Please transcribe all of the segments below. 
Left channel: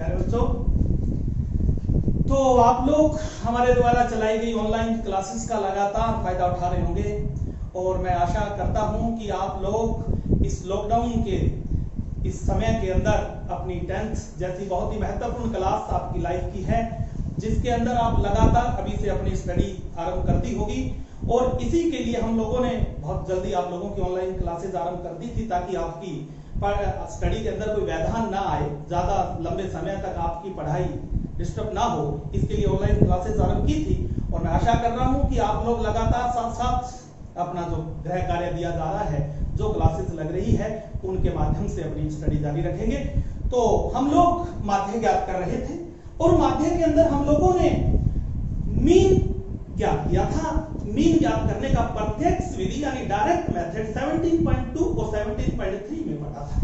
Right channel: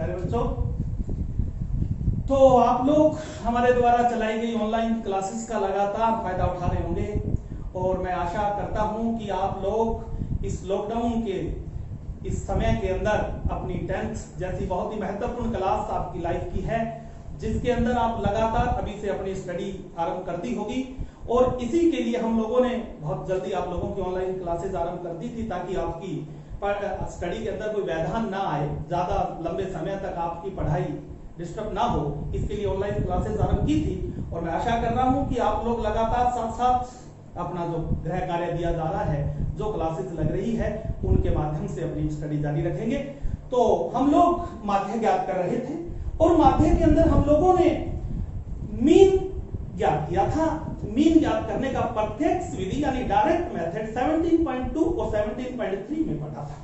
प्यारे बच्चों, तो आप लोग हमारे द्वारा चलाई गई ऑनलाइन क्लासेस का लगातार फायदा उठा रहे होंगे और मैं आशा करता हूं कि आप लोग इस लॉकडाउन के इस समय के अंदर अपनी 10th जैसी बहुत ही महत्वपूर्ण क्लास आपकी लाइफ की है, जिसके अंदर आप लगातार अभी से अपनी स्टडी आरंभ करती होगी। और इसी के लिए हम लोगों ने बहुत जल्दी आप लोगों की ऑनलाइन क्लासेस आरंभ कर दी थी, ताकि आपकी स्टडी के अंदर कोई व्यवधान ना आए, ज्यादा लंबे समय तक आपकी पढ़ाई डिस्टर्ब ना हो। इसके लिए ऑनलाइन क्लासेस आरंभ की थी और मैं आशा कर रहा हूं कि आप लोग लगातार साथ साथ अपना जो गृह कार्य दिया जा रहा है, जो क्लासेस लग रही है, उनके माध्यम से अपनी स्टडी जारी रखेंगे। तो हम लोग माध्य ज्ञात कर रहे थे और माध्य के अंदर हम लोगों ने मीन ज्ञात किया था। मीन ज्ञात करने का प्रत्यक्ष विधि यानी डायरेक्ट मेथड 17.2 और 17.3 में पढ़ा था,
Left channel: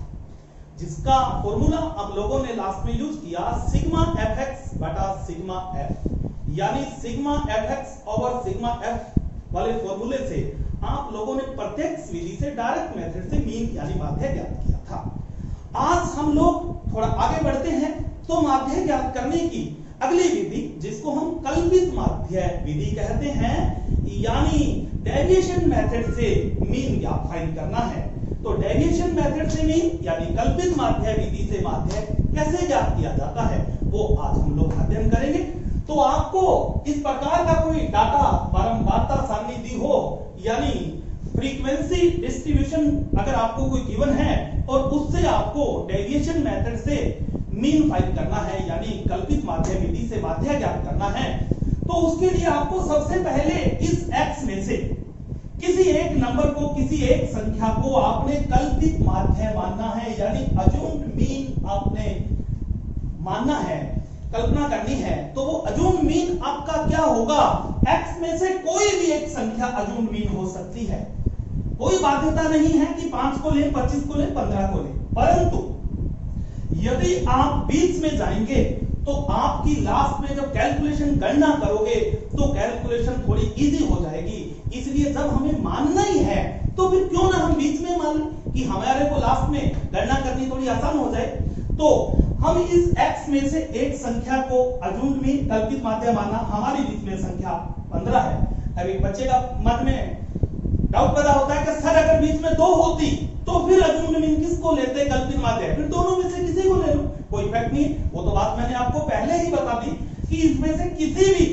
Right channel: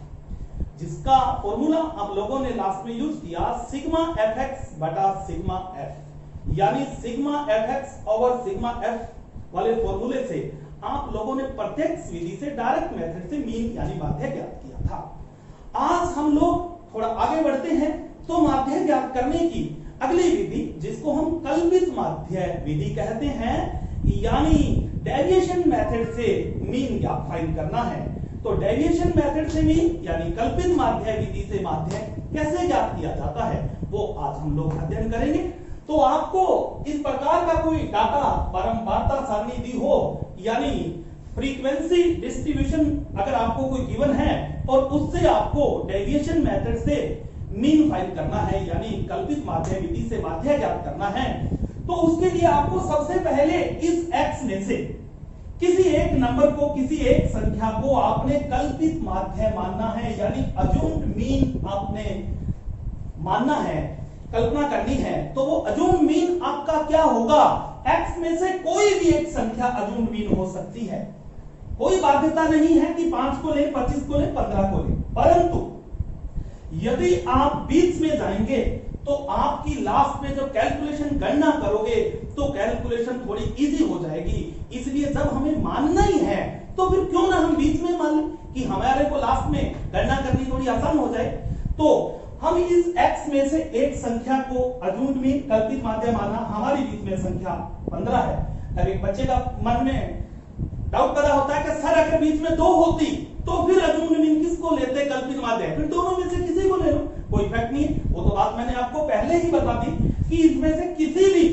जिसका फॉर्मूला आप लोगों ने लास्ट में यूज किया सिग्मा एफ एक्स बटा सिग्मा एफ, यानी sigma F x over sigma F वाले फॉर्मूले से आप लोगों ने प्रत्यक्ष विधि से डायरेक्ट मेथड से मीन यानी माध्य ज्ञात किया था। आज हम लोग थोड़ा आगे बढ़ते हैं तो माध्य ज्ञात करने की अगली विधि, जिसको हम कल्पित माध्य विधि कहते हैं, यानी डेविएशन मेथड से मीन ज्ञात फाइंड करना है। तो डेविएशन मेथड से मीन यानी कल्पित माध्य विधि से माध्य कैसे ज्ञात किया जाता है, वो आज हम लोग अध्ययन करेंगे। तो आपको इस प्रकार का कोई डाटा बारंबारता सारणी दी हो, यानी फ्रीक्वेंसी डिस्ट्रीब्यूशन अगर आपको कोई गिवन है और उससे आपको डेविएशन मेथड से मीन फाइंड करना है, यानी कल्पित माध्य विधि से माध्य ज्ञात करना है, तो उसके लिए आपको सबसे पहले इस x में से किसी एक नंबर को, किसी एक संख्या को आपने कल्पित माध्य मानना है, यानी अज्यूम्ड मीन आपने मानना है, कल्पना करनी है। तो वो अज्यूम्ड मीन आपका क्या होगा? x में से कोई भी एक संख्या अज्यूम्ड मीन हो सकती है, कोई बाध्यता नहीं है कि 5 को ले, 25 को ले, 15 को ले। परंतु यदि आप बीच में जाएंगे तो आपकी लास्ट में जब कैलकुलेशन गणना करोगे तो कैलकुलेशन थोड़ी इजी हो जाएगी। इसलिए जब हमें मानना ही है तो फिर क्यों ना हम बीच में मान लें कि हमारे को लास्ट में गणना करनी थोड़ी आसान हो जाए। तो हम इस x में से एक संख्या को अज्यूम्ड मीन कल्पित माध्य माना, हमारी बीच में संख्या 15 है। अब एक बच्चे का मन में डाउट पैदा होता है कि सर अगर बीच में 2 होती तो फिर अज्यूम्ड मीन किसको लेते, कल्पित माध्य? फिर दोनों में से किसी को ले लो, कोई इफेक्ट नहीं। वो तो बात मैंने आपको पहले ही बता दी कि इसमें से किसी भी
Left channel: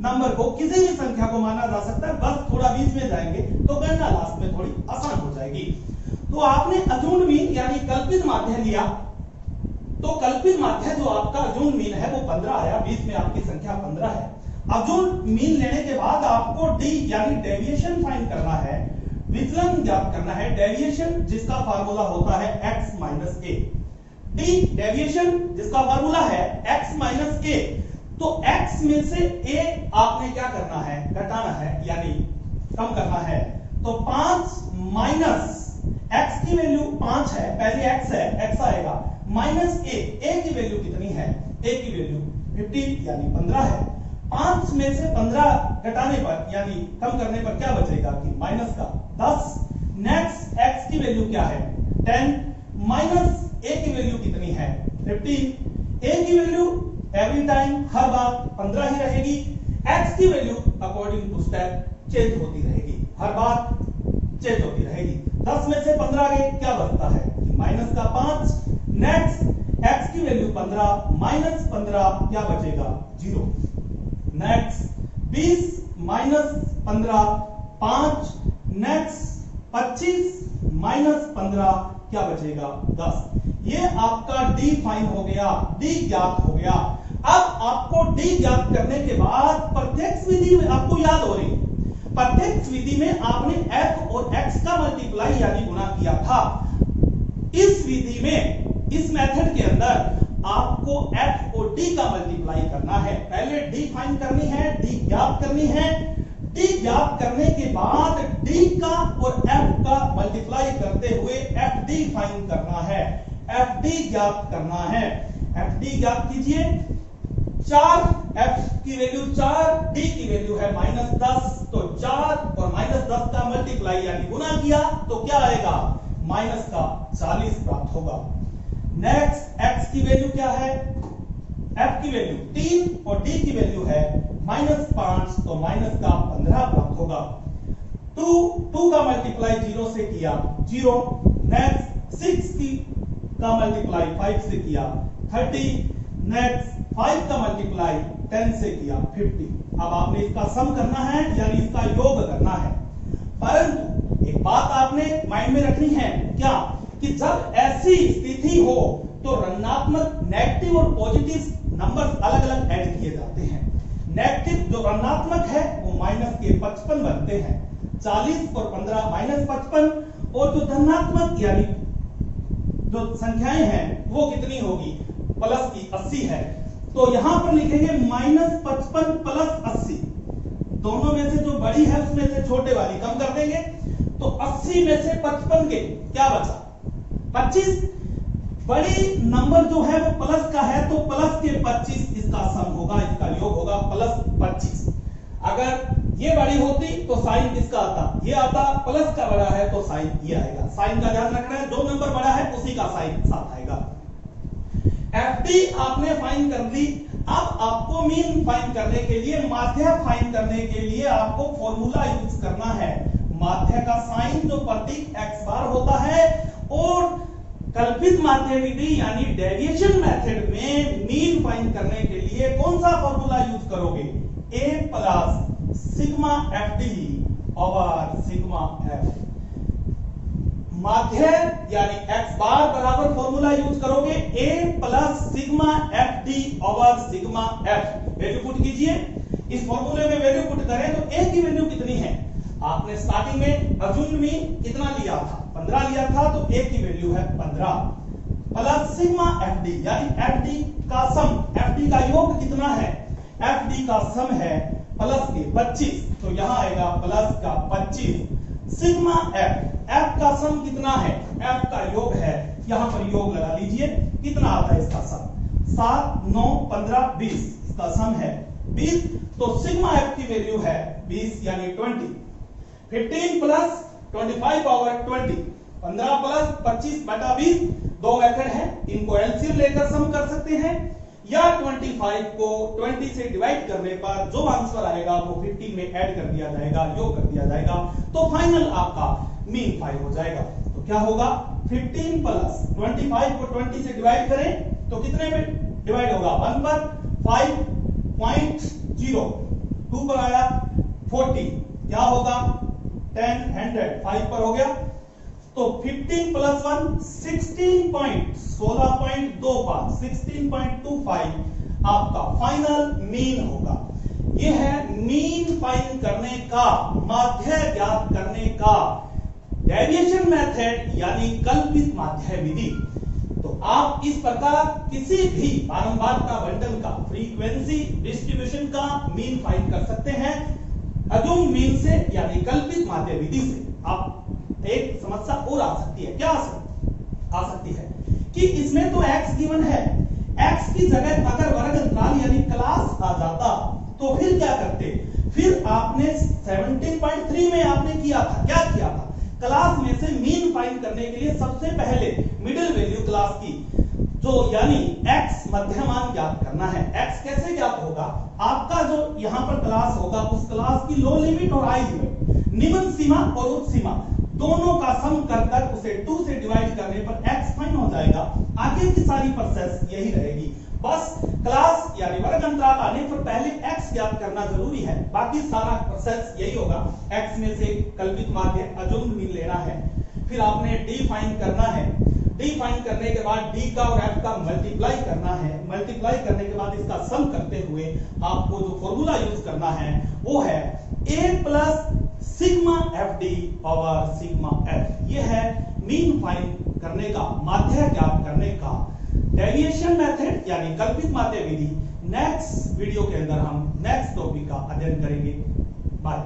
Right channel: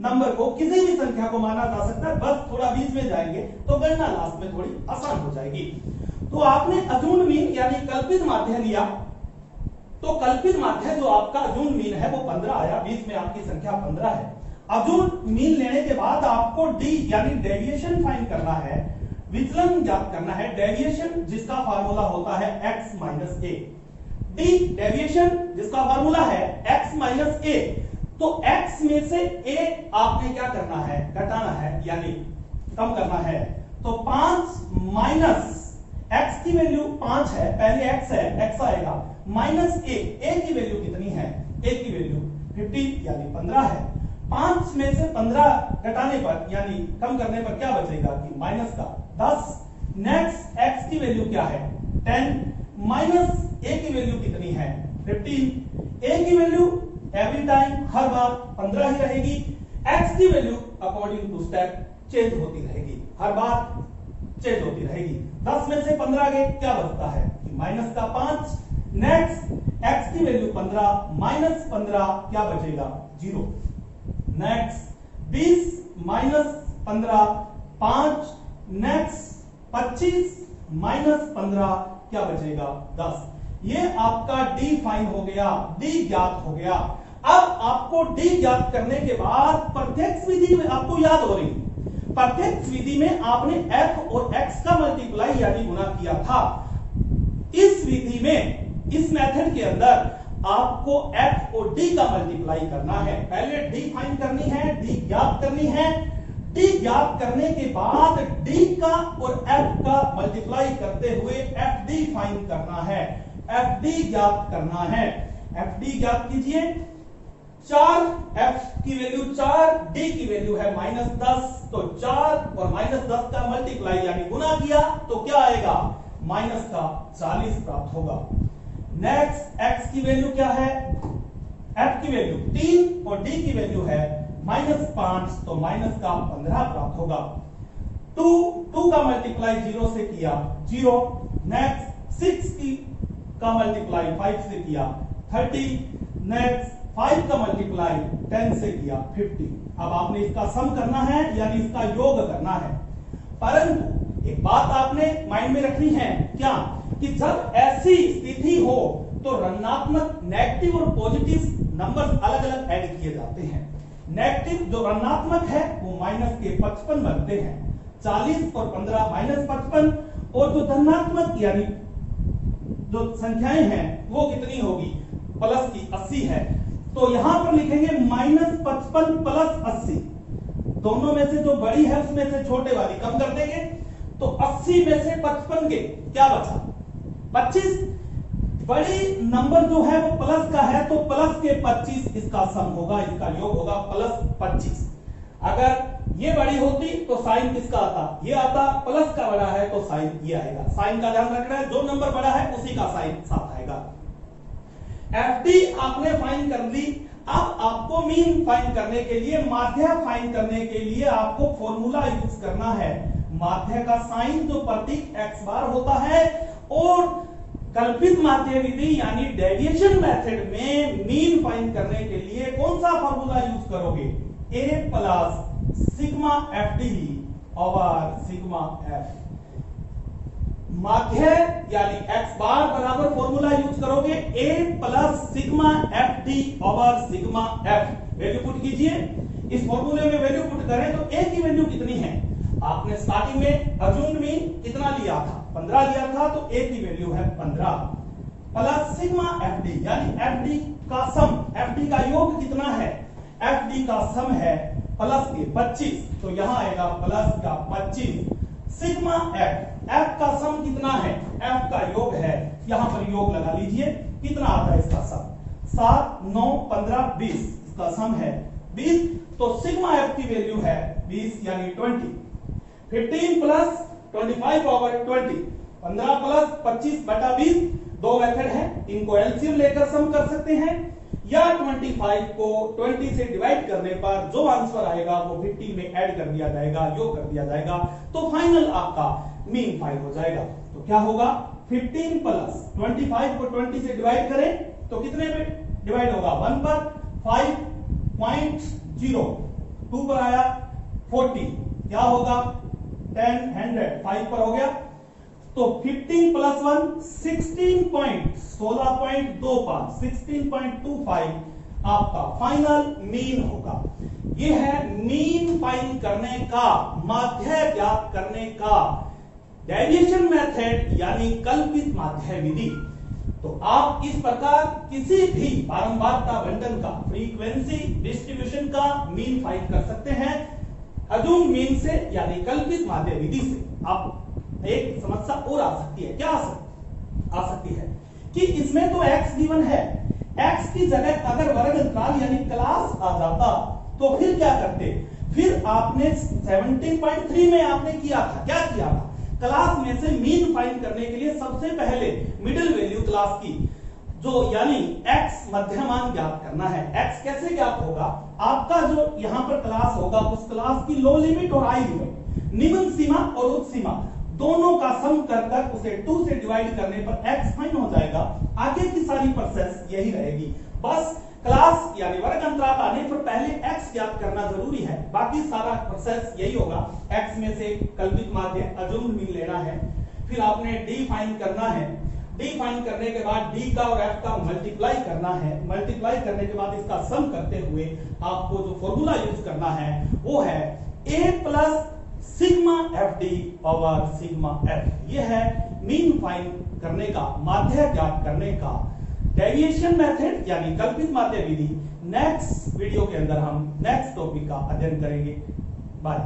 नंबर को, किसी भी संख्या को माना जा सकता है, बस थोड़ा बीच में जाएंगे तो गणना लास्ट में थोड़ी आसान हो जाएगी। तो आपने अज्यूम्ड मीन यानी कल्पित माध्य लिया, तो कल्पित माध्य जो आपका अज्यूम्ड मीन है वो 15 आया, बीच में आपकी संख्या 15 है। अज्यूम्ड मीन लेने के बाद आपको डी यानी डेविएशन फाइंड करना है, विचलन ज्ञात करना है। डेविएशन जिसका फार्मूला होता है x माइनस ए, डी डेविएशन जिसका फार्मूला है x माइनस ए। तो x में से a आपने क्या करना है? घटाना है, यानी कम करना है। तो 5 माइनस x की वैल्यू 5 है, पहले x है, x आएगा, माइनस a की वैल्यू कितनी है? a की वैल्यू 50 यानी 15 है। 5 में से 15 घटाने पर यानी कम करने पर क्या बचेगा कि माइनस का 10। नेक्स्ट x की वैल्यू क्या है? 10 माइनस a की वैल्यू कितनी है? 15। a की वैल्यू एवरी टाइम हर बार 15 ही रहेगी। x की value according to step change होती रहेगी, हर बार चेंज होती रहेगी। 10 में से 15 गए, क्या बचता है कि माइनस का 5। नेक्स्ट x की वैल्यू 15 माइनस 15 क्या बचेगा? 0। Next 20 minus 15 5। नेक्स्ट 25 माइनस 15 क्या बचेगा? 10। ये आपका डी फाइन हो गया, डी ज्ञात हो गया। अब आपको डी ज्ञात करने के बाद प्रत्यक्ष विधि में आपको याद हो रही, प्रत्यक्ष विधि में आपने f और x का मल्टीप्लाई यानी गुणा किया था। इस विधि में, इस मेथड के अंदर आपको f और d का मल्टीप्लाई करना है। पहले d फाइंड करनी है, d ज्ञात करनी है। d ज्ञात करने के बाद d का और f का मल्टीप्लाई करते हुए fd फाइंड करना है, fd ज्ञात करना है। fd ज्ञात कीजिए। 4 f की वैल्यू 4, d की वैल्यू है -10, तो 4 और -10 का मल्टीप्लाई यानी गुना किया तो क्या आएगा? -40 प्राप्त होगा। नेक्स्ट x की वैल्यू क्या है? एफ की वैल्यू 3 और डी की वैल्यू है -5, तो माइनस का 15 प्राप्त होगा। 2 का मल्टीप्लाई 0 से किया 0, नेक्स्ट 6 का मल्टीप्लाई 5 से किया 30, नेक्स्ट 5 का मल्टीप्लाई 10 से किया 50। अब आपने इसका सम करना है यानी इसका योग करना है। परंतु एक बात आपने माइंड में रखनी है क्या, कि जब ऐसी स्थिति हो तो ऋणात्मक, नेगेटिव और पॉजिटिव नंबर्स अलग अलग ऐड किए जाते हैं। नेगेटिव जो ऋणात्मक है वो माइनस के 55 बनते हैं, 40 और 15 -55, और जो धनात्मक यानी जो संख्याएं हैं वो कितनी होगी, प्लस की 80 है। तो यहां पर लिखेंगे -55 प्लस 80, दोनों में से जो बड़ी है उसमें से छोटे वाली कम कर देंगे, तो 80 में से 55 के क्या बचा 25। बड़ी नंबर जो है वो प्लस का है तो प्लस के 25 इसका सम होगा, इसका योग होगा प्लस 25। अगर ये बड़ी होती तो साइन किसका आता, ये आता, प्लस का बड़ा है तो साइन ये आएगा। साइन का ध्यान रखना है, जो नंबर बड़ा है उसी का साइन साथ आएगा। एफडी आपने फाइंड कर ली। अब आपको मीन फाइंड करने के लिए, माध्य फाइंड करने के लिए आपको फॉर्मूला यूज करना है। माध्य का साइन जो प्रतीक x बार होता है, और कल्पित माध्य विधि यानी डेविएशन मेथड में मीन फाइंड करने के लिए कौन सा फॉर्मूला यूज करोगे, a plus sigma F D over sigma F. माध्य यानी x बार बराबर फॉर्मूला यूज करोगे a plus sigma F D over sigma F. Value put कीजिए, इस फॉर्मूले में वैल्यू पुट करें तो a की वैल्यू कितनी है, आपने स्टार्टिंग में अज्यूम मीन कितना लिया था, 15 लिया था, तो a की वैल्यू है 15 प्लस सिग्मा एफ डी यानी एफ डी का सम, एफ डी का योग कितना है, एफ डी का सम है प्लस के 25, तो यहां आएगा प्लस का 25 सिग्मा एफ। एफ का सम कितना है, एफ का योग है, यहां पर योग लगा लीजिए, कितना आता है इसका सम, 7 9 15 20, इसका सम है 20, तो सिग्मा एफ की वैल्यू है 20 यानी 20। 15 प्लस 25 ओवर 20, 15 प्लस 25 बटा 20, दो मेथड है, इनको एलसीएम लेकर सम कर सकते हैं, या 25 को 20 से डिवाइड करने पर जो आंसर आएगा वो 15 में ऐड कर दिया जाएगा, योग कर दिया जाएगा, तो फाइनल आपका मीन 5 हो जाएगा। तो क्या होगा, 15 प्लस 25 को 20 से डिवाइड करें तो कितने में डिवाइड होगा, 1 पर, 5.0, 2 पर आया 40, क्या होगा 10 100, 5 पर हो गया, तो 15 प्लस 1 16.25 आपका फाइनल मीन होगा। ये है मीन फाइंड करने का, माध्य ज्ञात करने का डेविएशन मेथड यानी कल्पित माध्य विधि। तो आप इस प्रकार किसी भी बारंबारता बंटन का, फ्रीक्वेंसी डिस्ट्रीब्यूशन का मीन फाइंड कर सकते हैं अजूम मीन से यानी कल्पित माध्य विधि से। आप एक समस्या और आ सकती है, क्या आ सकती है कि इसमें तो x गिवन है, x की जगह अगर वर्ग अंतराल यानी क्लास आ जाता तो फिर क्या करते, फिर आपने 17.3 में आपने किया था, क्या किया था, क्लास में से मीन फाइंड करने के लिए सबसे पहले मिडिल वैल्यू क्लास की जो यानी x मध्यमान ज्ञात करना है। x कैसे ज्ञात होगा, आपका जो यहां पर क्लास होगा उस क्लास की लो लिमिट और हाई लिमिट, निम्न सीमा और उच्च सीमा दोनों का सम कर उसे 2 से डिवाइड करने पर x फाइन हो जाएगा। आगे की सारी प्रोसेस यही रहेगी, बस क्लास यानी वर्ग अंतराल आने पर पहले x ज्ञात करना जरूरी है, बाकी सारा प्रोसेस यही होगा। x में से कल्पित माध्य अजूम मीन लेना है, फिर आपने d फाइंड करना है, d फाइंड करने के बाद d का और f का मल्टीप्लाई करना है, मल्टीप्लाई करने के बाद इसका सम करते हुए आपको जो फॉर्मूला यूज करना है वो है a plus sigma F D over sigma F. ये है मीन फाइंड करने का, माध्य ज्ञात करने का डेविएशन मेथड यानी कल्पित माध्य विधि। नेक्स्ट वीडियो के अंदर हम नेक्स्ट टॉपिक का अध्ययन करेंगे। बाय।